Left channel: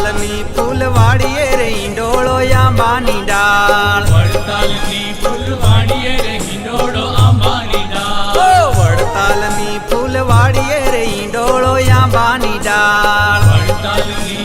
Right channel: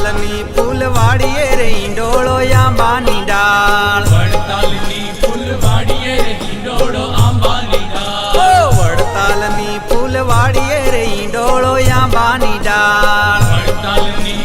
વડતાલની ફૂલવાડીએ રે ઈંડોળો આંબાની ડાળ વડતાલની ફૂલવાડીએ રે હિંડોળો આંબાની ડાળ ઓ વડતાલની ફૂલવાડીએ રે ઈંડોળો આંબાની ડાળ વડતાલની